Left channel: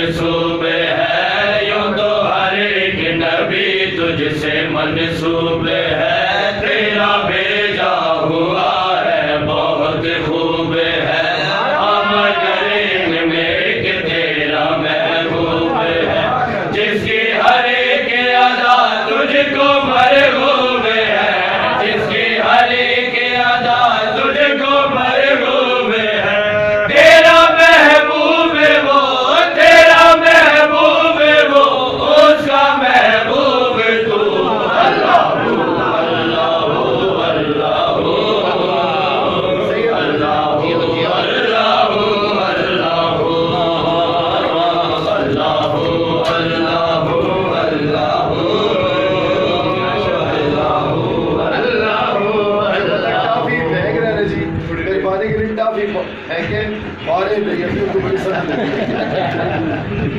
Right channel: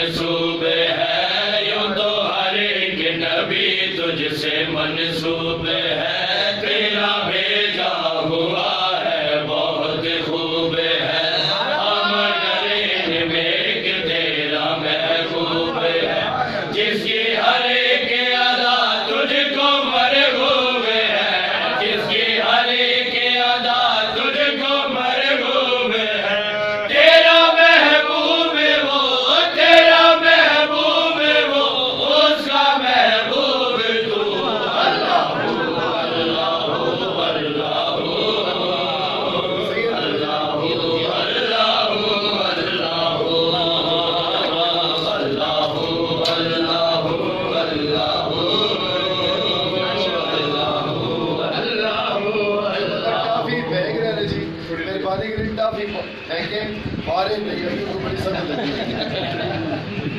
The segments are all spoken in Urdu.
مرصوب ہے، یوں تو ہر ایک نبی تجھ سے منسوب ہے، تیرا بھیجا ہوا ہے بہت خوب ہے، آمدن میں ایک تیرا محبوب ہے، جس کی ہر ایک ادا تجھ کو مرغوب ہے، جس کی ہر ایک ادا تجھ کو مرغوب ہے، تیرا محبوب وہ، تیرا محبوب وہ، اس کا محبوب تو، اللہ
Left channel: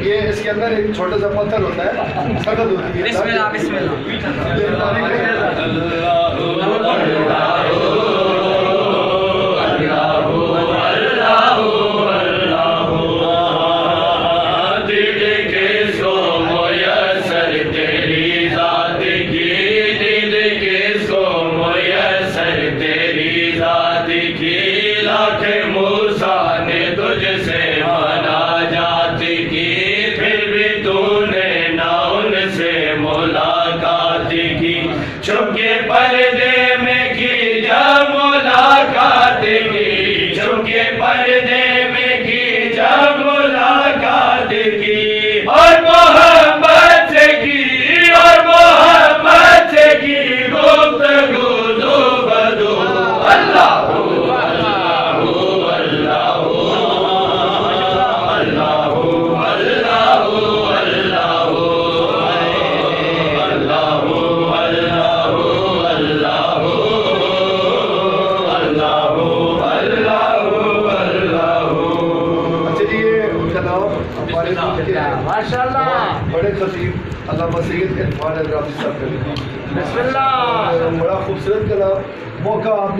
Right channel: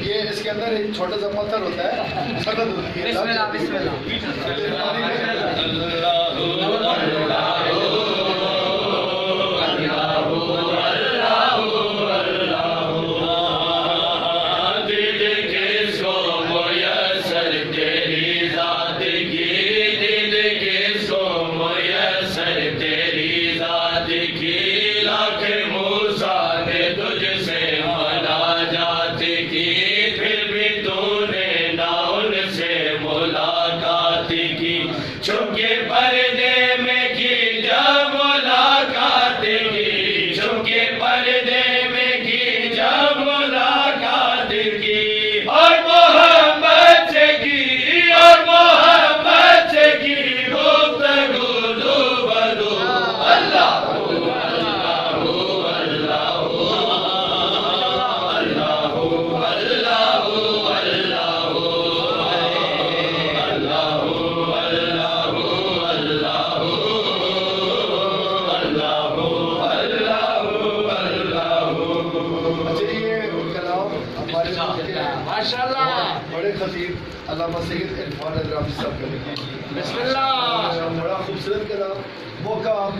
یہ اس کے اندر ایک چھوٹا سا پتھر ہوتا ہے، سخت ہوتی ہے، چھپ کے پردے میں کی جب ملاقات کی، چھپ کے پردے میں کی جب ملاقات کی، اور محبت سے کی، اور محبت سے کی گفتگو دو بدو، اللہ ماشاءاللہ بڑے خطیب علامہ سید عرفان حضرات صاحب، بسم اللہ، بڑا خوبصورت کلام، موقع آپ نے